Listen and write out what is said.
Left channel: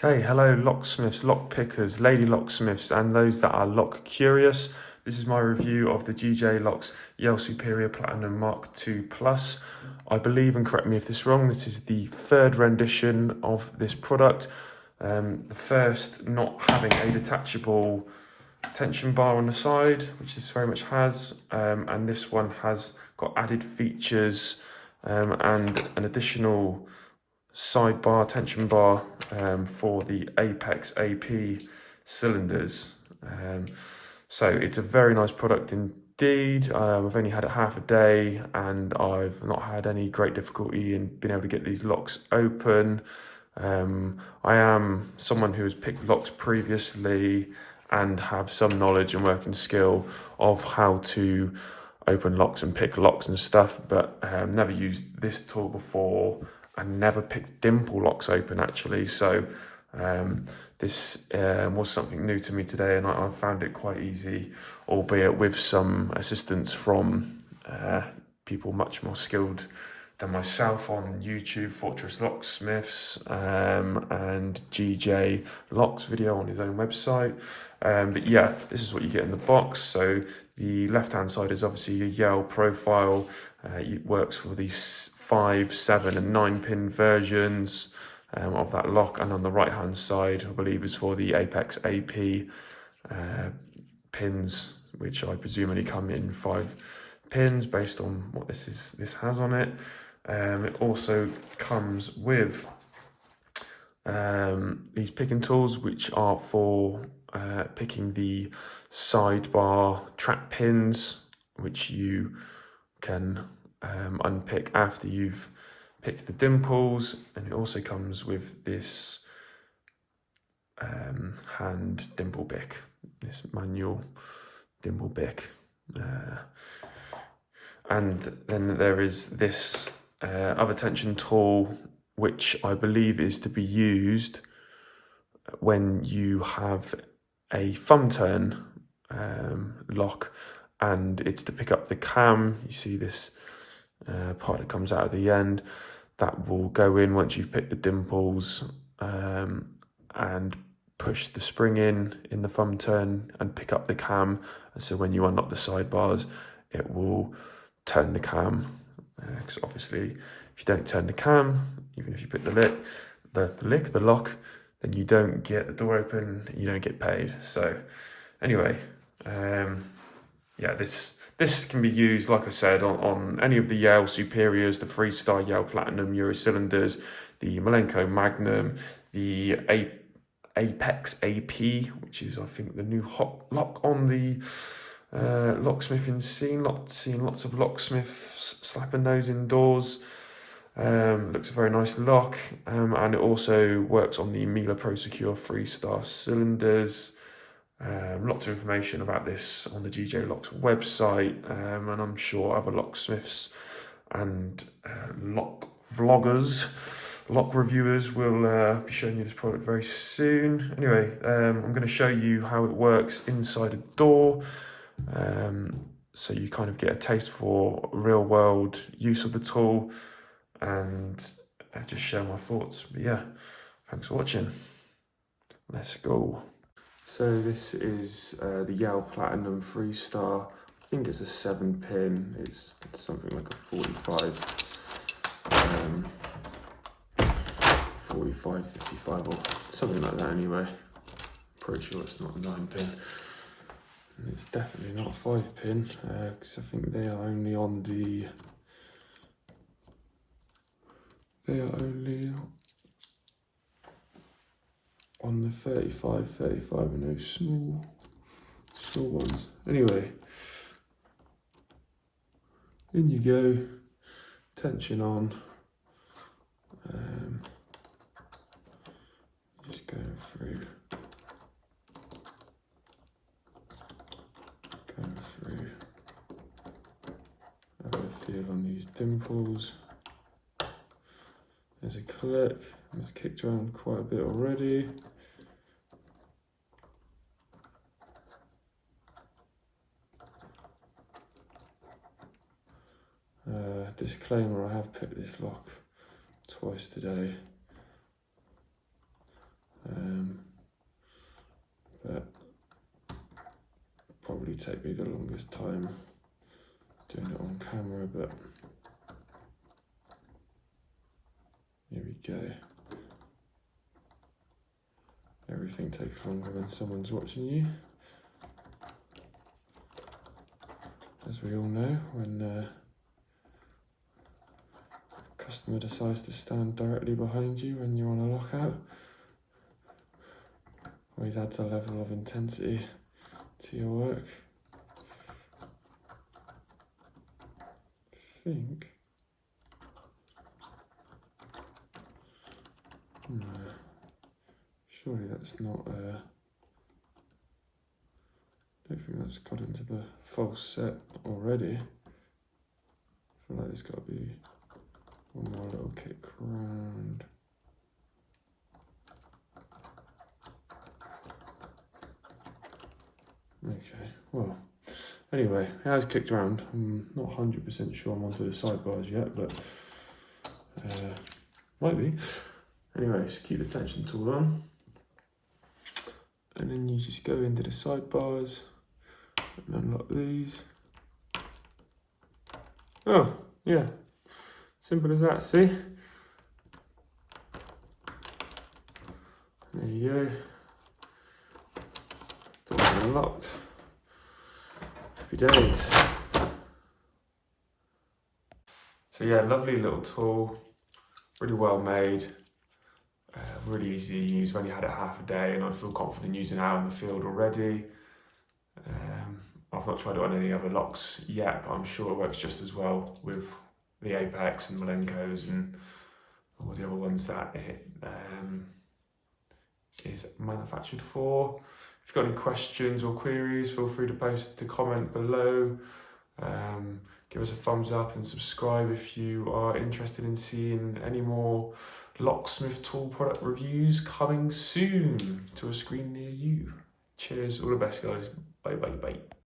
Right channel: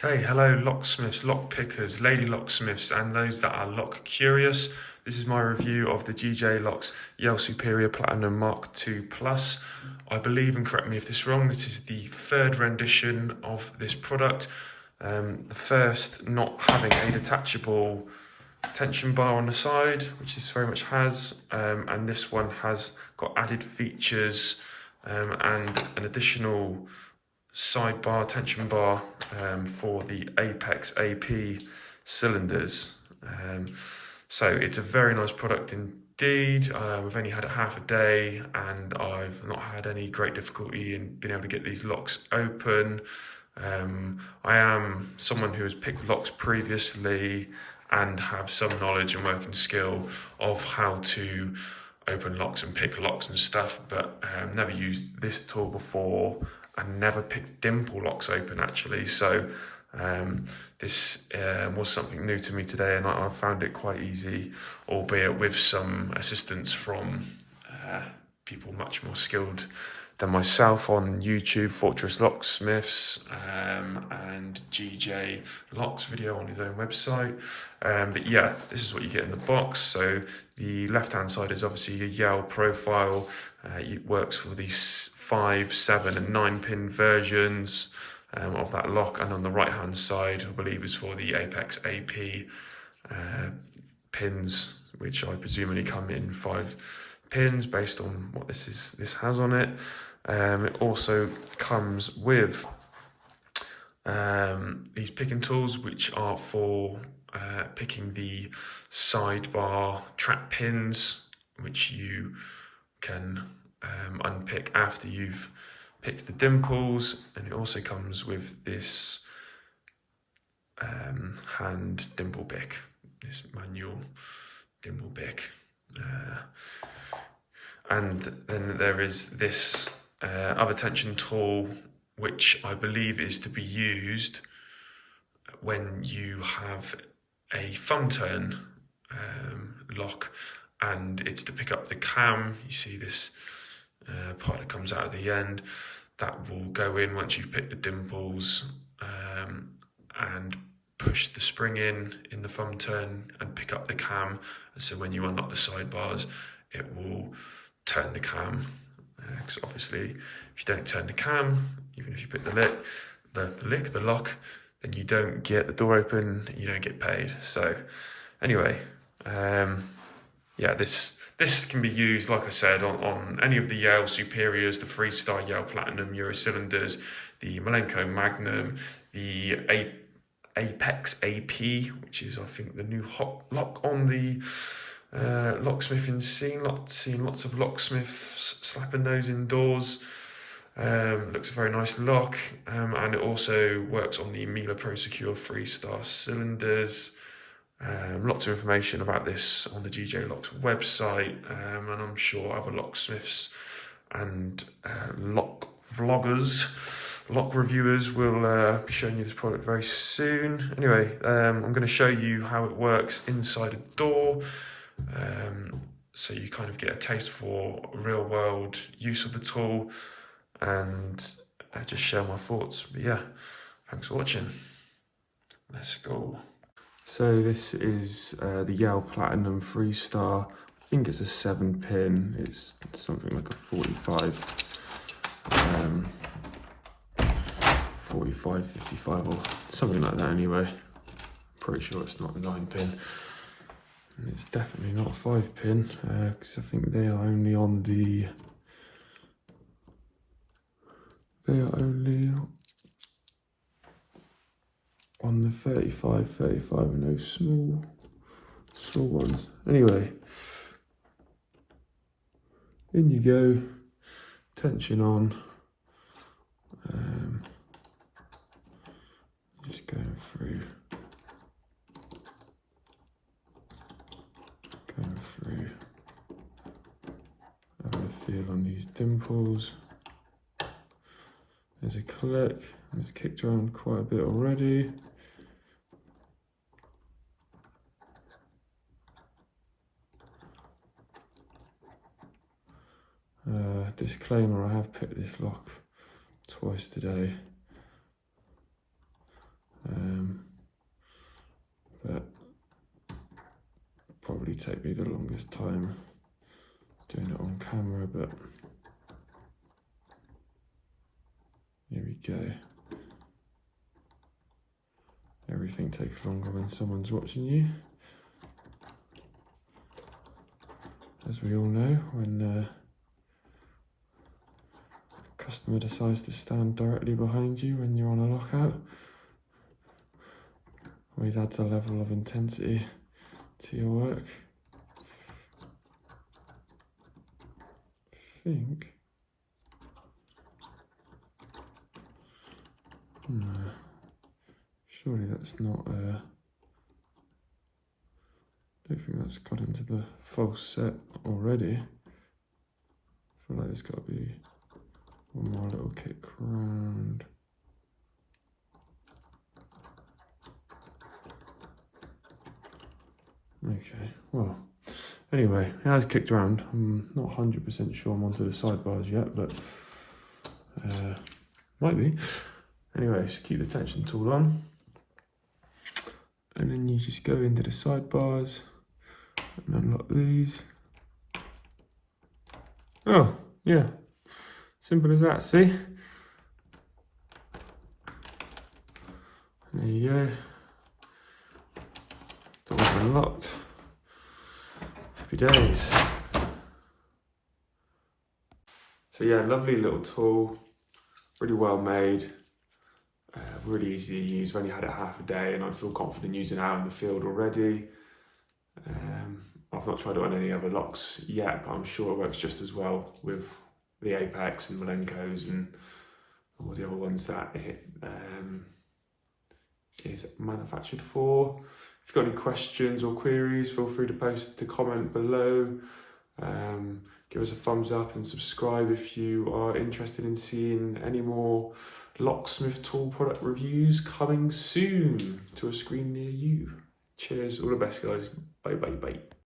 Okay, hello locksmiths, lock pickers, lady locksmiths, and those that are lock curious. This is my review of the GJ Locks Yale Superior Platinum Mark II Plus. I believe, and correct me if this is wrong, this is the third rendition of this product. The first not having a detachable tension bar on the side, which this very much has, and this one has got added features and an additional sidebar, tension bar for the Apex AP cylinders. So it's a very nice product indeed. I've only had it half a day and I've not had any great difficulty in being able to get these locks open. I am someone who has picked locks previously and have some knowledge and working skill of how to open locks and pick locks and stuff, but never used this tool before and never picked dimple locks open actually. So this was something new to me today, and I found it quite easy, albeit with some assistance from people much more skilled than myself on YouTube, Fortress Locksmiths and GJ Locks video on his own website. But yeah, this is what you get in the box. So the left-hand side is obviously a Yale profile. It works for these 5, 7 and 9 pin versions of that lock, and on the right hand side I believe is for the Apex AP pins, which I presume only come in 5 pins based on what this has on it. It also comes with these picking tools, which are for picking the sidebar trap pins, which you can unpick after you've picked the dimples. And it also comes with this hand dimple pick, this manual dimple pick. And then there is this other tension tool, which I believe is to be used when you have a thumb turn lock, and it's to pick up the cam. You see this part that comes out at the end that will go in once you've picked the dimples and push the spring in the thumb turn and pick up the cam. And so when you unlock the sidebars, it will turn the cam, because obviously if you don't turn the cam, even if you put the lock, then you don't get the door open, you don't get paid. So anyway, yeah, this can be used, like I said, on any of the Yale Superiors, the 3-star Yale Platinum Euro cylinders, the Malenko Magnum, the Apex AP, which is I think the new hot lock on the locksmithing scene. Seeing lots of locksmiths slapping those indoors. Looks a very nice lock, and it also works on the Miele Pro Secure 3-star cylinders. Lots of information about this on the GJ Locks website, and I'm sure other locksmiths and lock vloggers, lock reviewers will be showing you this product very soon. Anyway, I'm going to show you how it works inside a door, so you kind of get a taste for real world use of the tool, and just share my thoughts. But yeah, thanks for watching. Let's go. So this is the Yale Platinum 3-star. I think it's a 7 pin. It's something like a 45, 55 or something like that anyway. Pretty sure it's not a 9 pin. And it's definitely not a 5 pin, because I think they are only on the... on the 35 and those small ones. Anyway, in you go, tension on. Just going through. Have a feel on these dimples. There's a click, and it's kicked around quite a bit already. Disclaimer, I have picked this lock twice today. take me the longest time doing it on camera, but here we go. Everything takes longer when someone's watching you. As we all know, when a customer decides to stand directly behind you when you're on a lockout, always adds a level of intensity to your work. I think. No, surely that's not. I don't think that's got into the false set already. I feel like there's got to be one more little kick round. Okay, well, anyway, it has kicked around. I'm not 100% sure I'm onto the sidebars yet, but might be. Anyway, just keep the tension tool on. And then you just go into the sidebars and unlock these. Oh, yeah. Simple as that, see? There you go. Doors unlocked. Happy days. So yeah, lovely little tool. Really well made. Really easy to use. I've only had it half a day and I feel confident using it out in the field already. I've not tried it on any other locks yet, but I'm sure it works just as well with the Apex and Malenkos and all the other ones that it is manufactured for. If you've got any questions or queries, feel free to post a comment below. Give us a thumbs up and subscribe if you are interested in seeing any more locksmith tool product reviews coming soon to a screen near you. Cheers, all the best guys. Bye bye bye.